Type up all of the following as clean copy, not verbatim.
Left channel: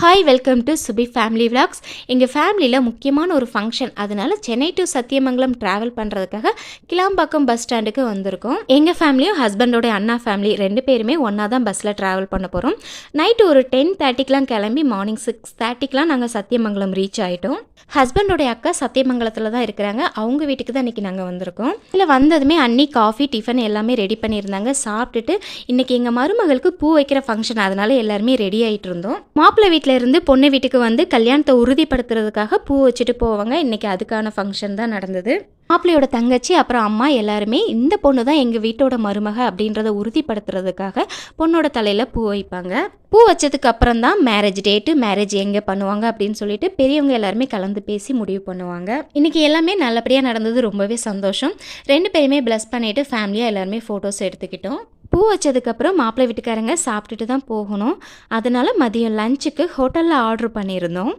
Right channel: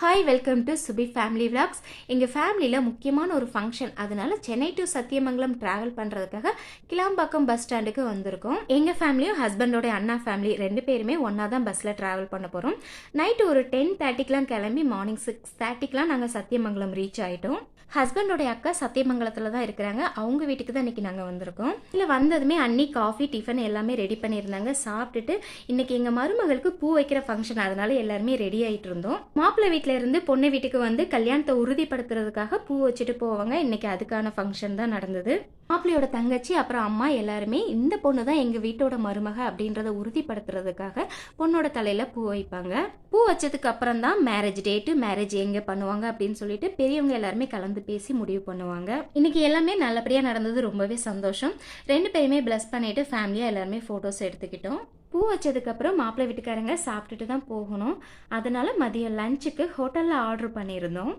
Hi welcome to Subi family vlogs. எங்கள் ஃபேமிலியில் முக்கியமான ஒரு ஃபங்க்ஷன், அதனால சென்னை டு சத்தியமங்கலம் ட்ராவல் பண்ணுறதுக்காக கிளாம்பாக்கம் பஸ் ஸ்டாண்டுக்கு வந்திருக்கோம். எங்கள் ஃபேமிலியும் ஹஸ்பண்டோடைய அண்ணா ஃபேமிலி 2 பேருமே ஒன்றா தான் பஸ்ஸில் ட்ராவல் பண்ண போகிறோம். நைட்டு ஒரு 10:30க்கெலாம் கிளம்பி மார்னிங் 6:30க்கெலாம் நாங்கள் சத்தியமங்கலம் ரீச் ஆகிட்டோம். ஹஸ்பண்டோடைய அக்கா சத்தியமங்கலத்தில் தான் இருக்கிறாங்க. அவங்க வீட்டுக்கு தான் இன்றைக்கி நாங்கள் வந்திருக்கோம். இதில் வந்ததுமே அன்னி காஃபி டிஃபன் எல்லாமே ரெடி பண்ணியிருந்தாங்க. சாப்பிட்டுட்டு இன்றைக்கி எங்கள் மருமகளுக்கு பூ வைக்கிற ஃபங்க்ஷன், அதனால எல்லாருமே ரெடி ஆகிட்டு இருந்தோம். மாப்பிள்ளை வீட்டில் இருந்து பொண்ணு வீட்டுக்கு வந்து கல்யாணத்தை உறுதிப்படுத்துறதுக்காக பூ வச்சுட்டு போவாங்க. இன்றைக்கி அதுக்கான ஃபங்க்ஷன் தான் நடந்தது. மாப்பிள்ளையோட தங்கச்சி அப்புறம் அம்மா எல்லாருமே இந்த பொண்ணு தான் எங்கள் வீட்டோட மருமக அப்படின்றத உறுதிப்படுத்துறதுக்காக பொண்ணோட தலையில் பூ வைப்பாங்க. பூ வச்சதுக்கு அப்புறம் தான் மேரேஜ் டேட்டு, மேரேஜ் எங்கே பண்ணுவாங்க அப்படின்னு சொல்லிட்டு பெரியவங்க எல்லாருமே கலந்து பேசி முடிவு பண்ணுவாங்க. இன்றைக்கி எல்லாமே நல்லபடியாக நடந்தது. ரொம்பவே சந்தோஷம். 2 பேருமே ப்ளஸ் பண்ணிவிட்டு ஃபேமிலியாக எல்லாருமே ஃபோட்டோஸ் எடுத்துக்கிட்டோம். பூ வச்சதுக்கப்புறம் மாப்பிள்ளை வீட்டுக்காரங்க சாப்பிட்டுட்டு தான் போகணும். அதனால் மதியம் லஞ்சுக்கு ஹோட்டலில் ஆர்டர் பண்ணியிருந்தோம்.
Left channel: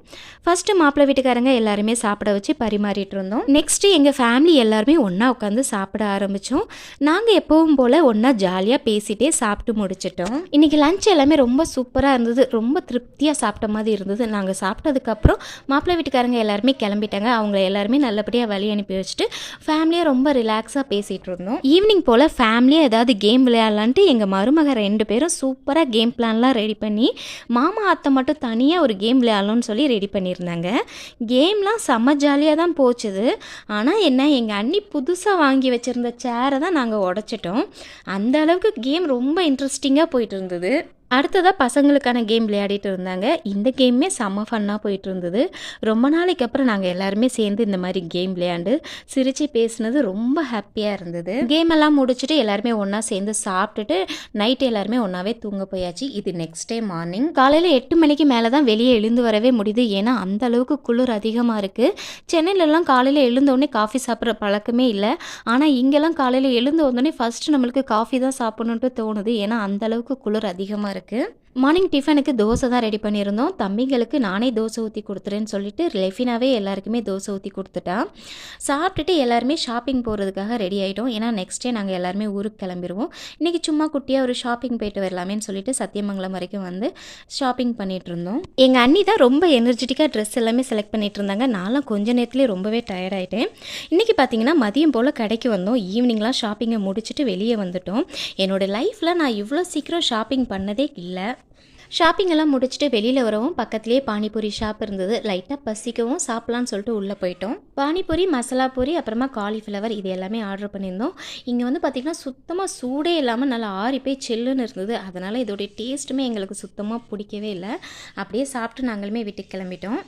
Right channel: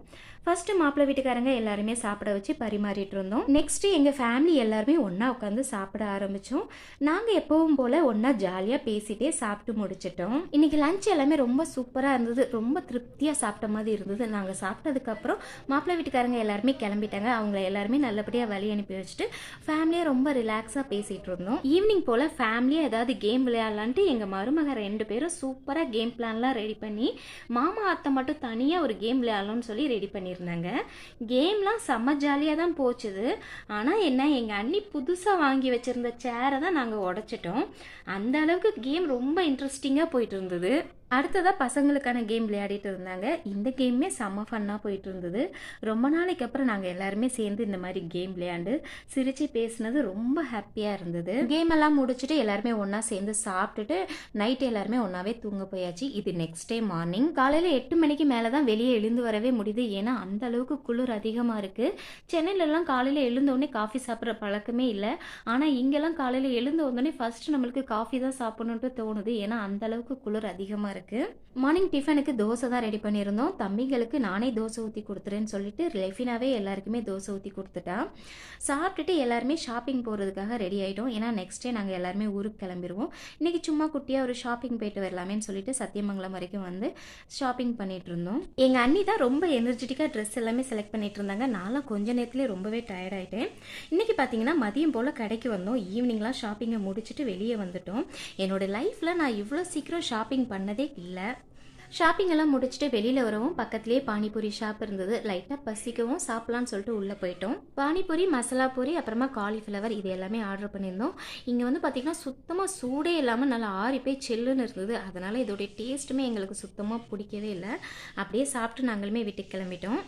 ஃபஸ்ட்டு மாப்பிள்ளை வீட்டுக்காரங்க எல்லாருமே சாப்பிட வச்சு பரிமாறிட்டு இருந்தோம். நெக்ஸ்ட்டு எங்கள் ஃபேமிலி எல்லாருமே ஒன்றா உட்காந்து சாப்பிட ஆரம்பித்தோம். நாங்கள் எப்பவும் போல் ஒன்றா ஜாலியாக பேசிகிட்டே சாப்பிட்டு முடிச்சிட்டோம். இன்றைக்கி லஞ்ச் எல்லாமே ரொம்ப சூப்பராக இருந்தது. ரொம்ப திருப்தியாக சாப்பிட்ட மாதிரி இருந்தது. நாங்கள் சாப்பிட்டதுக்கப்புறம் மாப்பிள்ளை வீட்டுக்காரங்க எல்லாருமே கிளம்பிட்டாங்க. அவங்கள எல்லாருமே நல்லபடியாக வழி அனுப்பி வச்சுட்டு ஃபேமிலியாக ரொம்ப ரிலாக்ஸாக பேசிகிட்டு இருந்தோம். ஈவினிங் போல் ஃபேமிலியாக ஏதாவது கேம் விளையாடலாம். எங்கள் மருமக 2 பேரும் சூப்பராக கேம் பிளான்லாம் ரெடி பண்ணி மாமா அத்தை மட்டும் தனியாக ஒரு கேம் விளையாடணும்னு சொல்லி ரெடி பண்ணியிருந்தாங்க. கேம்லாம் செம்ம ஜாலியாக தான் போச்சுது. ஆனால் என்ன, எங்கள் அண்ணி புதுசாக வாங்கி வச்சுருந்த சேரை தான் நாங்கள் உடைச்சிட்டோம். அந்த அளவுக்கு கேம் ரொம்ப இன்ட்ரெஸ்டிங்காக போயிட்டு இருந்தது. அடுத்ததாக பசங்களுக்கான கேம் விளையாடிட்டு இருந்தாங்க. இந்த கேமே செம்ம ஃபன்னாக போயிட்டு இருந்தது. ரொம்ப நாளைக்கு அப்புறம் நாங்கள் எல்லாருமே சேர்ந்து இந்த மாதிரி கேம் விளையாண்டு சிரித்து பேசினது ரொம்ப ஹாப்பியாக இருந்தது. கேம் எல்லாம் முடிச்சுட்டு எல்லாருமே ஒன்றா சேர்ந்து சாப்பிட்டுட்டு நைட்டு எல்லாருமே ஒன்றாவே தூங்க போயாச்சு. இது நெக்ஸ்ட் டே மார்னிங் காலையில் 8 மணிக்கு மேலே தான் வெளியே எழுந்து வரவே முடியுது. ஏன்னா அந்த அளவுக்கு குளிர் அதிகமாக இருக்குது. சென்னையிலலாம் காலையில் எழுந்தோடனே காஃபி சாப்பிட்ற பழக்கமே இல்லை. ஆனால் இங்கெல்லாம் காலையில் எழுந்து வந்தோடனே ஃபஸ்ட்டு நம்மளுக்கு காஃபி தான் சாப்பிடணுன்ட்டு தோணுது. ஏன்னா அந்த அளவுக்கு குளிர் அதிகமாக இருக்குது. மார்னிங் டிஃபனுக்கு தோசை தான் ரெடி பண்ணியிருந்தோம். தம்பிங்களுக்கு நானே தோசை ஊற்றி கொடுத்துறேன்னு சொல்லிட்டு லெஃபினாவே எல்லாருக்குமே தோசை ஊற்றி கொடுத்துட்டா. சாப்பிட்டுட்டு எல்லாருமே ஷாப்பிங் போகிறதுக்காக ரெடி ஆகிட்டோம். ஏன்னா நெக்ஸ்ட் டே நாங்கள் எல்லாருமே ஊருக்கு கிளம்பிடுவோம். இன்றைக்கி சும்மா குட்டியாக ஒரு ஷாப்பிங் போயிட்டு வரலாமேன்னு சொல்லிட்டு சத்தியமங்கலம் வரைக்கும் வந்து ஷாப்பிங் பண்ணிகிட்டு இருந்தோம். எங்கள் அண்ணி தான் ரொம்ப எனர்ஜெட்டிக்காக ட்ரெஸ் எல்லாமே செலக்ட் பண்ணிகிட்டு இருந்தாங்க. நான்லாம் கொஞ்ச நேரத்துலேயே ரொம்பவே டயர்டாயிட்டேன். இன்றைக்கி பார்த்தீங்கன்னா மதியம் போல் கடைக்கு வந்தோம். ஈவினிங்லாம் ஷாப்பிங்கை முடிச்சுட்டு வெளியே வந்துட்டோம். என்னோடய லைஃப்பில் நான் இவ்வளோ சீக்கிரம் ஷாப்பிங் பண்ணதே இல்லை. ஷாப்பிங் எல்லாம் முடிச்சுட்டு வெளியில் வரவும் பக்கத்துலேயே பானிபூரி ஷாப் இருந்தது. லைட்டாக பசிக்கவும் சாப்பிட்லான்னு சொல்லிட்டு உள்ளே போயிட்டோம். பானிபூரி, மசாலா பூரி, அப்புறமா காலிஃப்ளவர் இது எல்லாமே ஆர்டர் பண்ணியிருந்தோம். இங்கே வந்து பார்த்திங்கன்னா சுத்தமாக சூடே இல்லாமல் நல்லா ஆறி போய் செல்லுன்னு இருந்தது. அதனால் இதோடைய டேஸ்ட்டுமே எங்களுக்கு சுத்தமாக பிடிக்கவே இல்லை. அப்படியே சாப்பிட்டு நாங்களுமே வீட்டுக்கு கிளம்பிட்டோம்.